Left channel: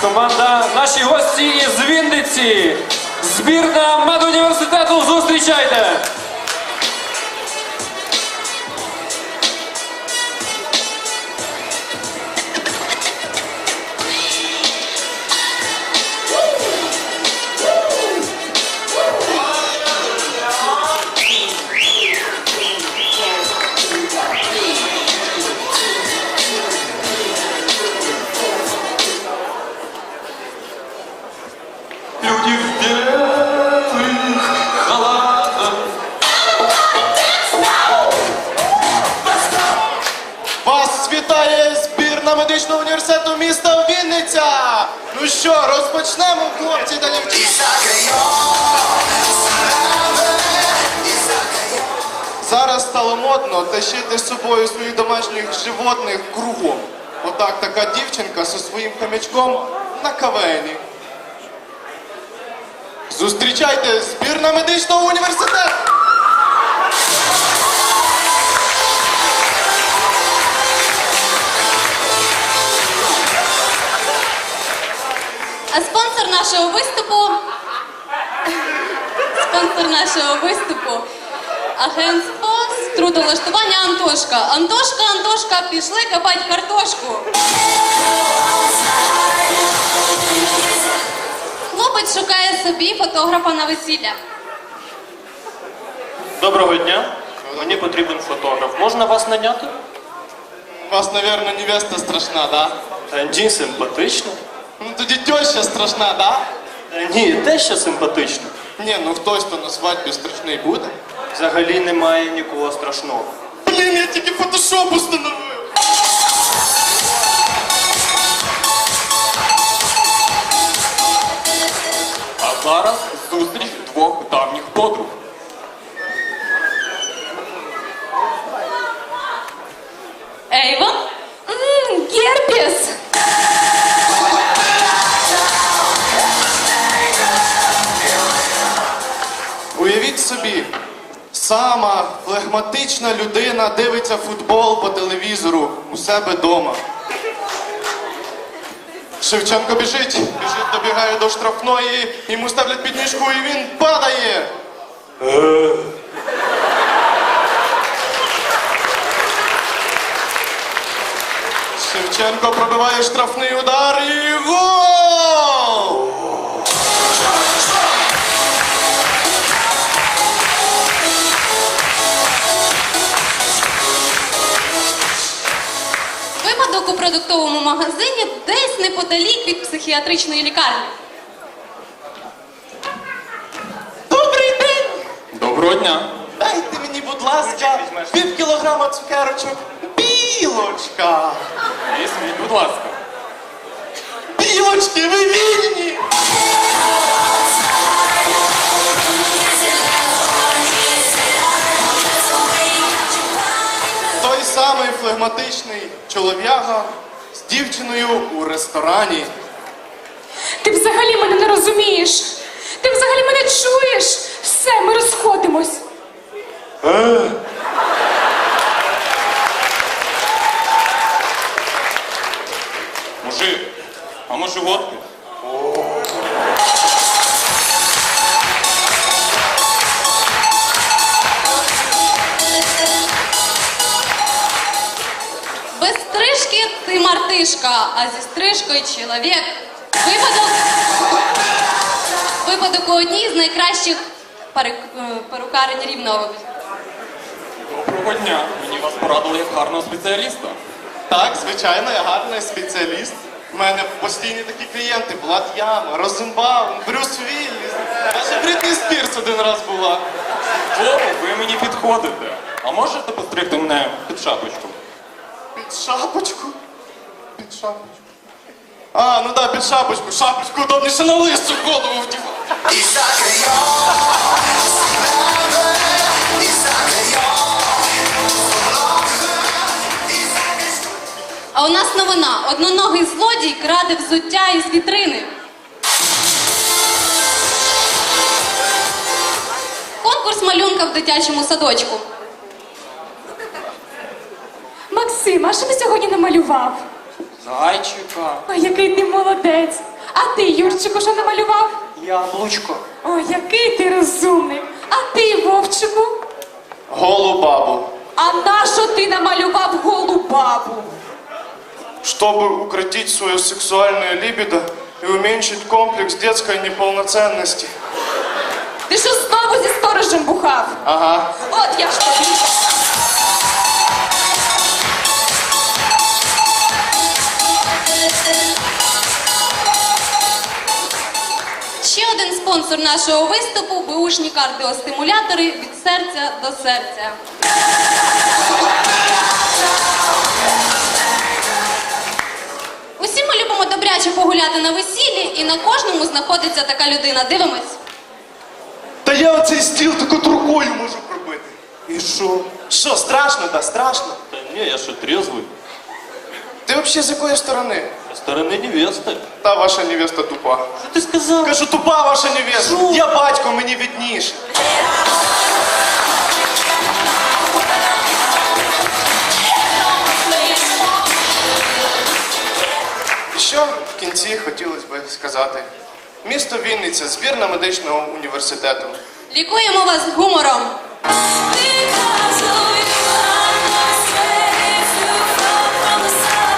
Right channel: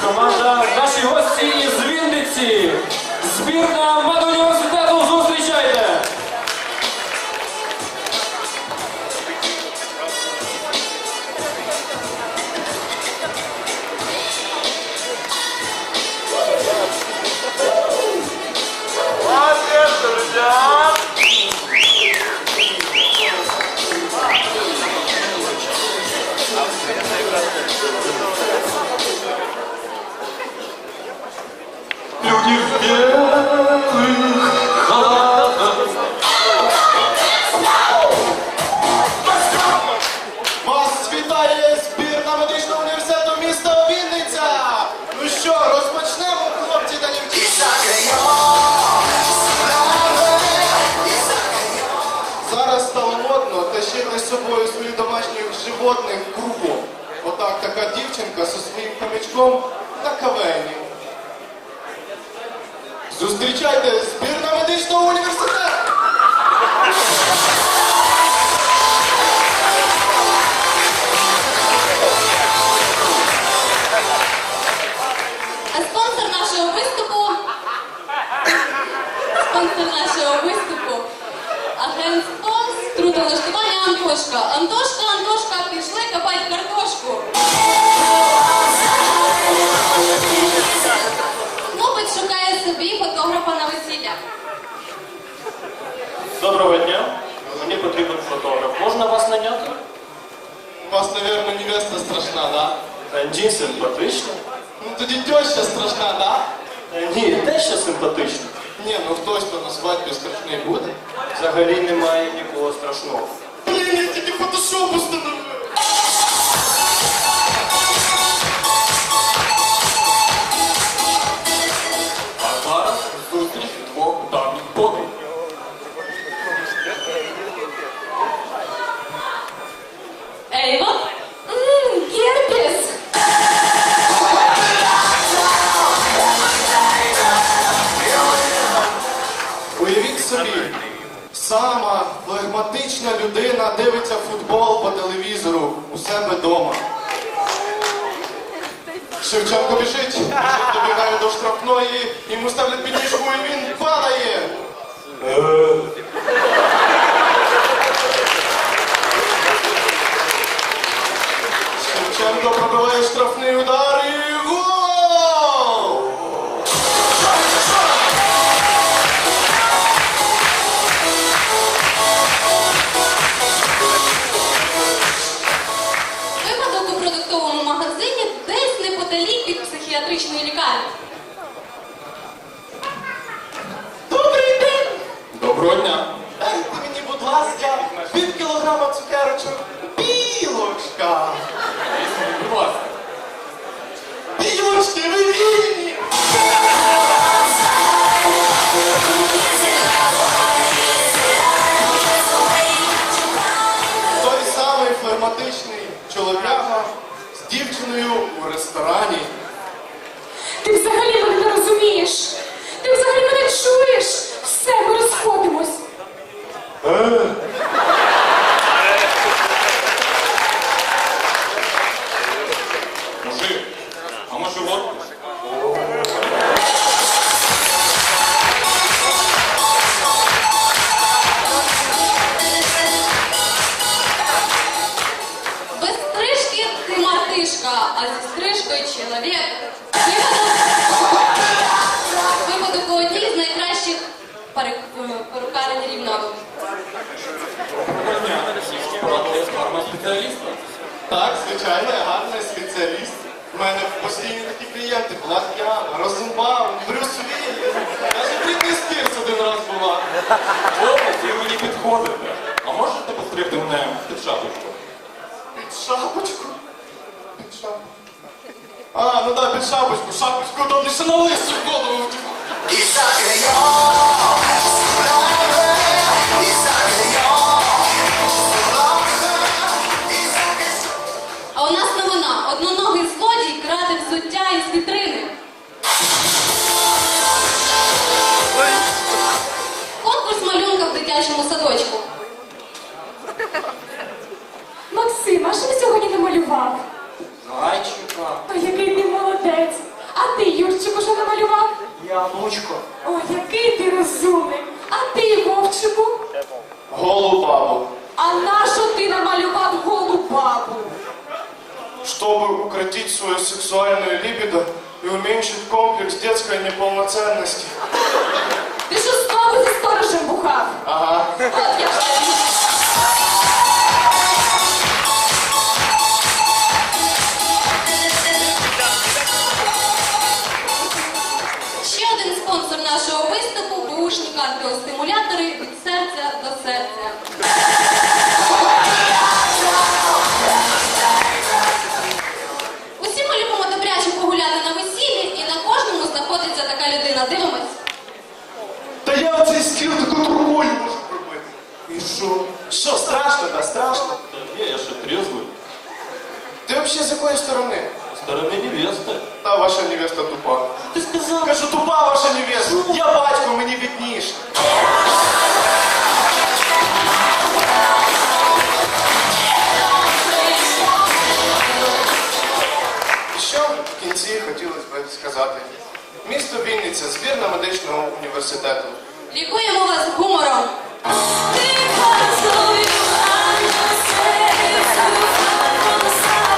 Команда, наші гості із Вінниці. Збірна медуніверситету. Зустрічайте! Що, розпочнемо, хлопці та? Зараз стало модно тащити з собою своїх домашніх животних кругом. Отак така дівчинка зі своїм хамячком на кавені. Зустрічайте збірна медичного університету! Агентство з трудолаштування Антошка. Антошка, Антошка, пішли копати картошку. Хлопець шукає собі фотографа на весілля. Доброго дня. Мені потрібен фотограф. Можна вас наняти? У вас, наверное, невеста страшна, да? Е, Ні, симпатично. Ну тоді теща страшна, да? Е, Ні, те ще симпатично. Ні, ну хтось то на свадьбі страшний буде. Взагалі немає нікого страшного. Блін, я тільки фотошоп установив. Сама флегматична людина дивиться футбол по телевізору у себе вдома. Шевченко біжить, біжить, добігає до штрафної, йому ставлять підніжку і він падає. Шевченко пробиває штрафний удар і гол! Магазині десь неподалік від психіатричної лікарні. Добрий день! Доброго дня. Дайте мені, будь ласка, пів кілограма цукерочок. Білочка! Візьміть, будь ласка. Білочки, ви вільні! Той самий флегматичний чолов'яга з дівчиною у ресторані. Ти взагалі мене не розумієш. Ти взагалі мене чуєш. Все, ми розходимось. Мужик, а зі стрижкою чоловік. Випадок, випадок у одній з найкращих е, перукарень рівного. Доброго дня. Мені вас порадили як гарного спеціаліста. Так, звичайно, я гарний спеціаліст. У мене постійні такі клієнти. Влад Яма, Розенбаум, Брюс Вілліс. Навіть Брітні Спірс один раз була. О, ви мені підходите. А можете постригти мене під шапочку? Під шапочку. Під шапочку. А, ну да, під шапочку. Шапочку удобніше на лису голову вдягати. А у нас новина. Одноногий злодій краде взуття із вітрини. Конкурс малюнка в дитячому садочку. Максим, а що ти сьогодні намалював? Зайчика. Ой, який ти молодець. А ти, Юрчику, що намалював? Яблучко. Ой, який ти розумник. А ти, Вовчику? Голу бабу. А нащо ти намалював голу бабу? Чтобы укротить свое сексуальное либидо и уменьшить комплекс детской неполноценности. Ти що знову зі сторожем бухав? Ага. От я ж тобі. Спонсор нашого виступу беушні кардіостимулятори від серця до серця. Усі ми любимо добряче погуляти на весіллі, і на кожному знаходиться така людина. Дивимось. Та я оцей стіл таку рукою можу пробити. І що? Що, страшно, да, страшно. Та ні, я що трезвий. Ти взагалі з якої сторони? З сторони невести. Та ваша невеста тупа. Що ти сказав? Кажу, тупа ваша невеста. Я батько, мені відніше. І що в кінці хотілося б сказати? Місто Вінниця, збірна медичного університету. Лікуємо вас гумором.